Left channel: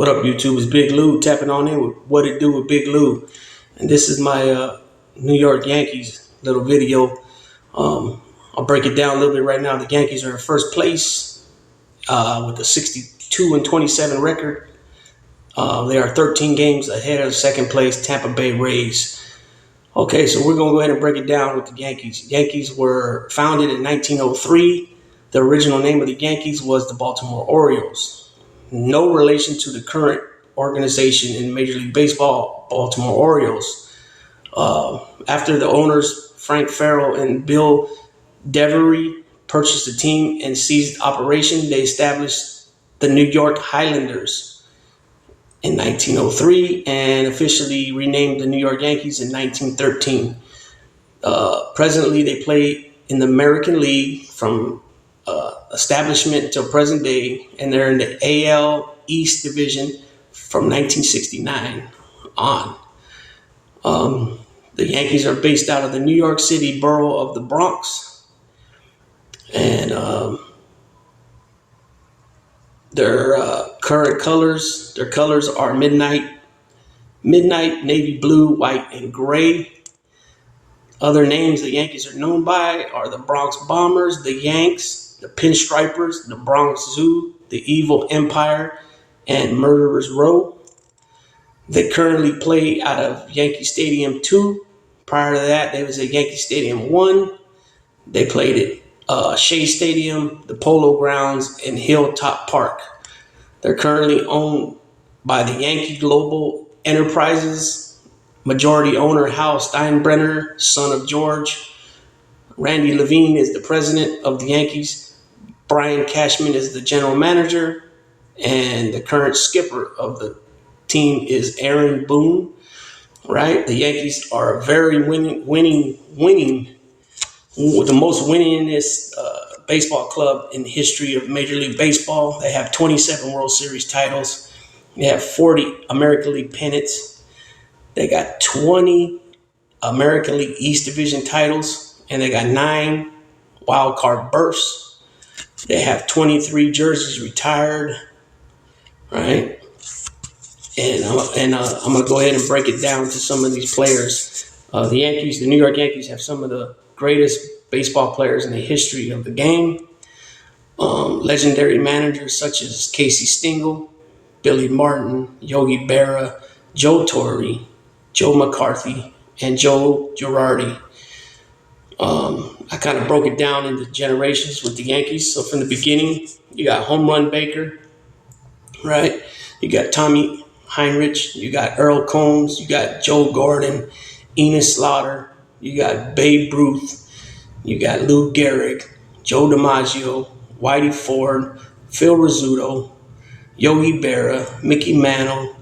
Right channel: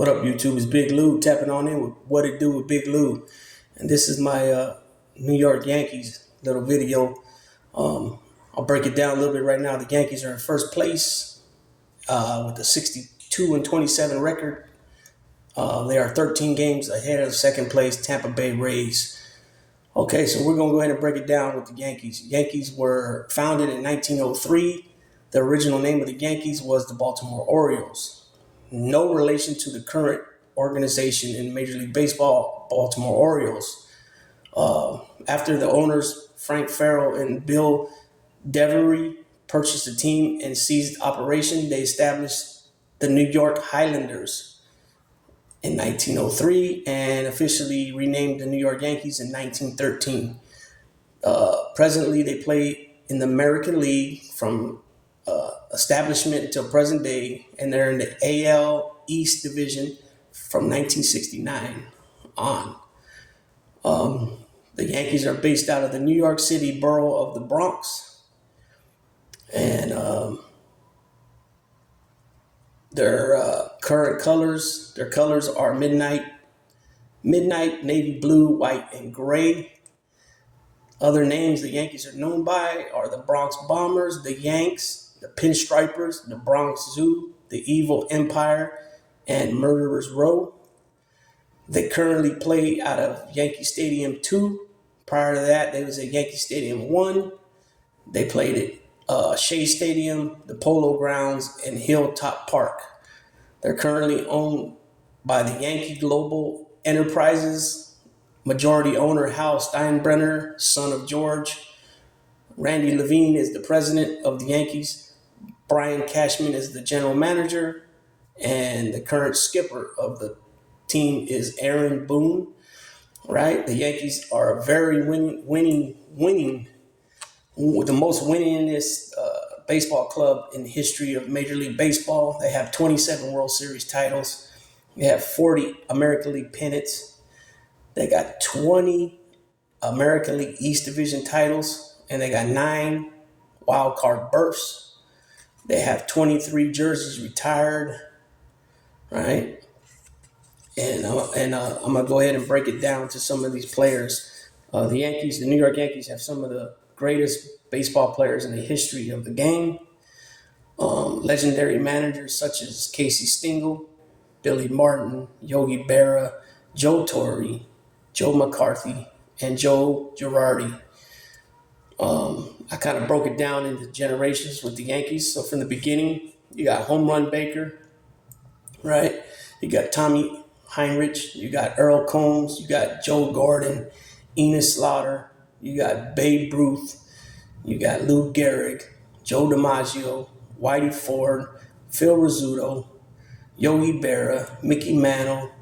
What up, YouTube? It's Big Lou tapping on in with What It Do with Big Lou. And this is my New York Yankees little video. I'll break it down a little bit right now. The Yankees are in first place with a 62-27 record. They are 13 games ahead of second place Tampa Bay Rays. Okay, so we're going to go ahead and break it down with the Yankees. Yankees were founded in 1903. The original name of the Yankees was the Baltimore Orioles. No relation to the current organization in Major League Baseball, Baltimore Orioles. After the owners, Frank Farrell and Bill Devery, purchased the team and seized operation, they established the New York Highlanders in 1903 and officially renamed the New York Yankees in 1913. Presently, they play in the American League from establishment until present day, and they're in the AL East Division from 1969 on. The Yankees are based out of the New York City borough of the Bronx, and their current colors, are midnight, navy blue, white, and gray. Other names the Yankees are known by are the Bronx Bombers, the Yanks, the Pinstripers, the Bronx Zoo, the Evil Empire, and Murderers Row. They currently play out of Yankee Stadium 2. Prior to that, they was at Yankee Stadium 1. They played at Shea Stadium, the Polo Grounds, and Hilltop Park. They're currently owned by the Yankee Global Enterprises. Majority owner Hal Steinbrenner, son of George. Randy Levine is the president of the Yankees. Brian Cashman is the general manager. And the current skipper of the team is Aaron Boone. Right? The Yankees are very winning, the most winningest baseball club in the history of Major League Baseball. They have 27 World Series titles. They have 40 American League pennants. They got 20 American League East Division titles, and they got 9 wild card berths. They have 23 jerseys retired, right? And I'm gonna go ahead and break it down to some of these players. The New York Yankees, have some of the greatest baseball players in the history of the game. Legendary managers such as Casey Stengel, Billy Martin, Yogi Berra, Joe Torre, Joe McCarthy, and Joe Girardi. I kind of broke it down into generations with the Yankees. So from the beginning, you got Home Run Baker, right? You got Tommy Heinrich, you got Earl Combs, you got Joe Gordon, Enos Slaughter, you got Babe Ruth, you got Lou Gehrig, Joe DiMaggio, Whitey Ford, Phil Rizzuto, Yogi Berra, Mickey Mantle,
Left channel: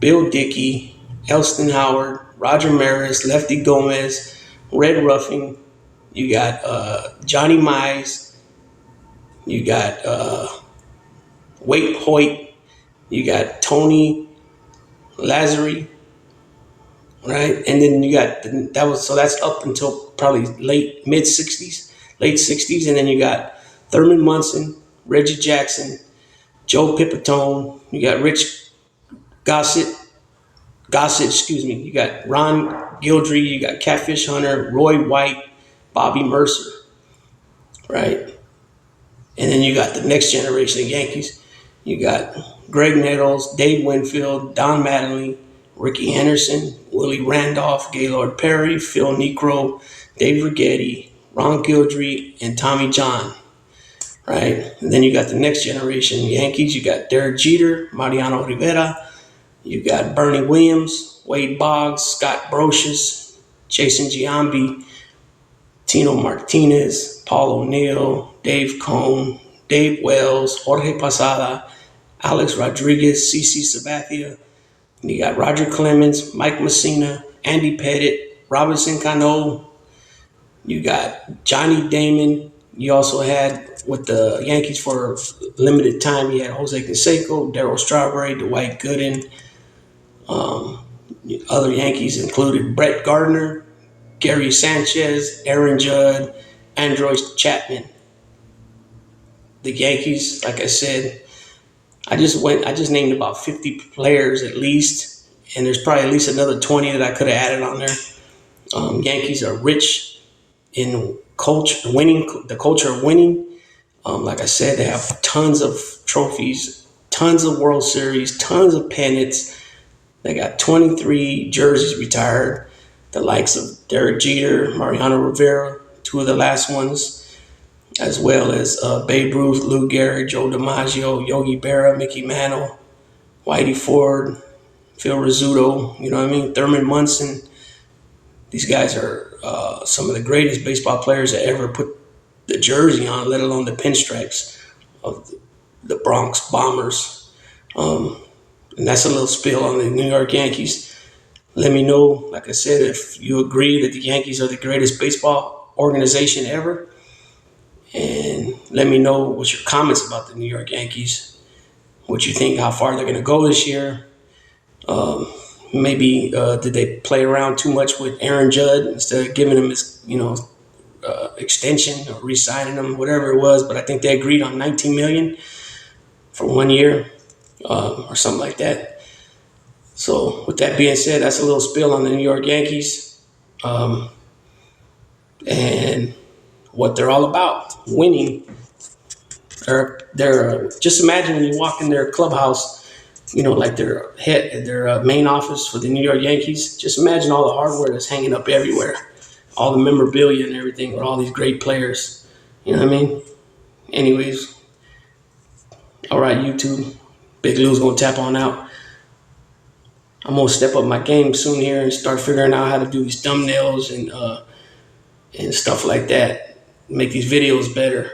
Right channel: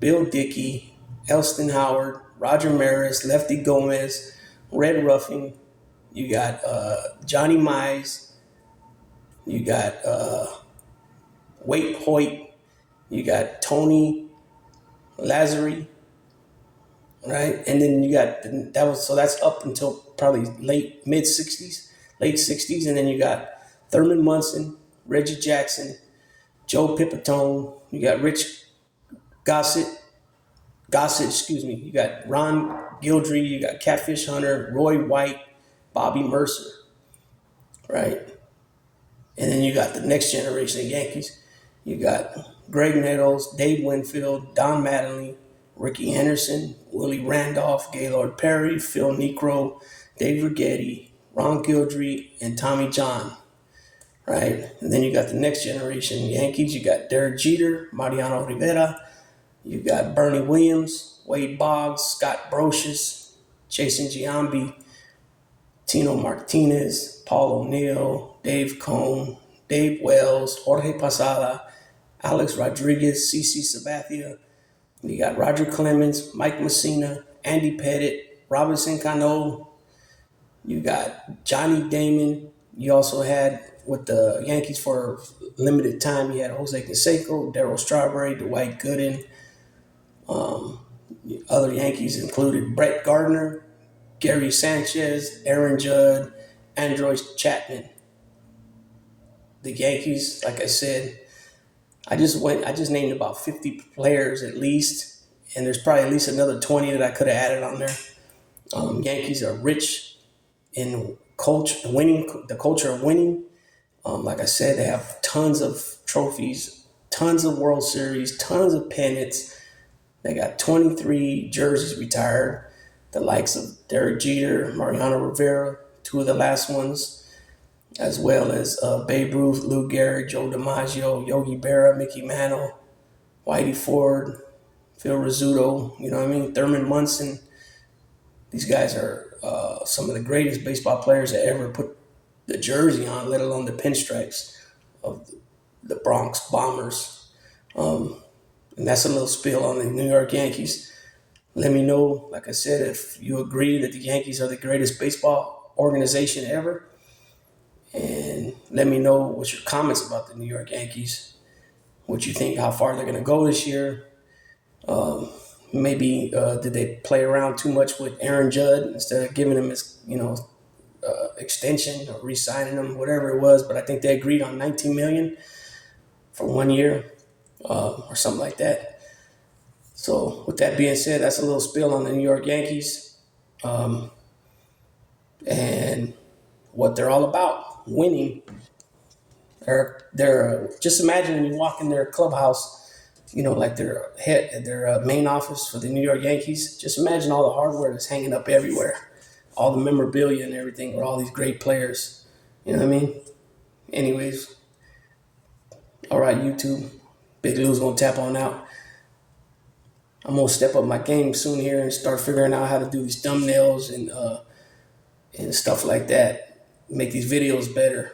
Bill Dickey, Elston Howard, Roger Maris, Lefty Gomez, Red Ruffing. You got Johnny Mize. You got Wade Hoyt. You got Tony Lazzari, right? And then you got that's up until probably late 60s, and then you got Thurman Munson, Reggie Jackson, Joe Pipitone. You got Rich Gossett. You got Ron Guidry, you got Catfish Hunter, Roy White, Bobby Mercer, right? And then you got the next generation of Yankees. You got Greg Nettles, Dave Winfield, Don Mattingly, Ricky Henderson, Willie Randolph, Gaylord Perry, Phil Niekro, Dave Righetti, Ron Guidry, and Tommy John, right? And then you got the next generation Yankees. You got Derek Jeter, Mariano Rivera. You got Bernie Williams, Wade Boggs, Scott Brocious, Jason Giambi, Tino Martinez, Paul O'Neill, Dave Cone, Dave Wells, Jorge Posada, Alex Rodriguez, CC Sabathia. You got Roger Clemens, Mike Messina, Andy Pettit, Robinson Cano. You got Johnny Damon. You also had with the Yankees for limited time, you had Jose Canseco, Darryl Strawberry, Dwight Gooden. Other Yankees included Brett Gardner, Gary Sanchez, Aaron Judd, Android Chapman. The Yankees, like I said, I just named about 50 players at least, and there's probably at least another 20 that I could have added on there. Yankees are rich in culture, winning, the culture of winning. Like I said, they have tons of trophies, tons of World Series, tons of pennants. They got 23 jerseys retired, the likes of Derek Jeter, Mariano Rivera, two of the last ones, as well as Babe Ruth, Lou Gehrig, Joe DiMaggio, Yogi Berra, Mickey Mantle, Whitey Ford, Phil Rizzuto, you know what I mean? Thurman Munson. These guys are some of the greatest baseball players that ever put the jersey on, let alone the pinstripes of the Bronx Bombers. And that's a little spiel on the New York Yankees. Let me know, like I said, if you agree that the Yankees are the greatest baseball organization ever. And let me know what's your comments about the New York Yankees. What you think, how far they're going to go this year. Maybe did they play around too much with Aaron Judd instead of giving him his, extension or re-signing him, whatever it was. But I think they agreed on 19 million for 1 year or something like that. So with that being said, that's a little spill on the New York Yankees and what they're all about, winning. They're just imagine when you walk in their clubhouse, like their main office for the New York Yankees. Just imagine all the hardware that's hanging up everywhere, all the memorabilia and everything with all these great players. You know what I mean? Anyways, all right, YouTube. Big Lou's gonna tap on out. I'm gonna step up my game soon here and start figuring out how to do these thumbnails and stuff like that. Make these videos better.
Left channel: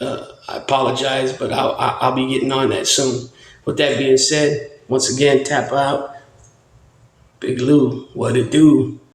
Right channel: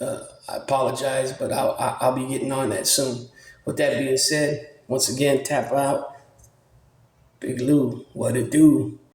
I apologize, but I'll be getting on that soon. With that being said, once again, tap out. Big Lou, what it do?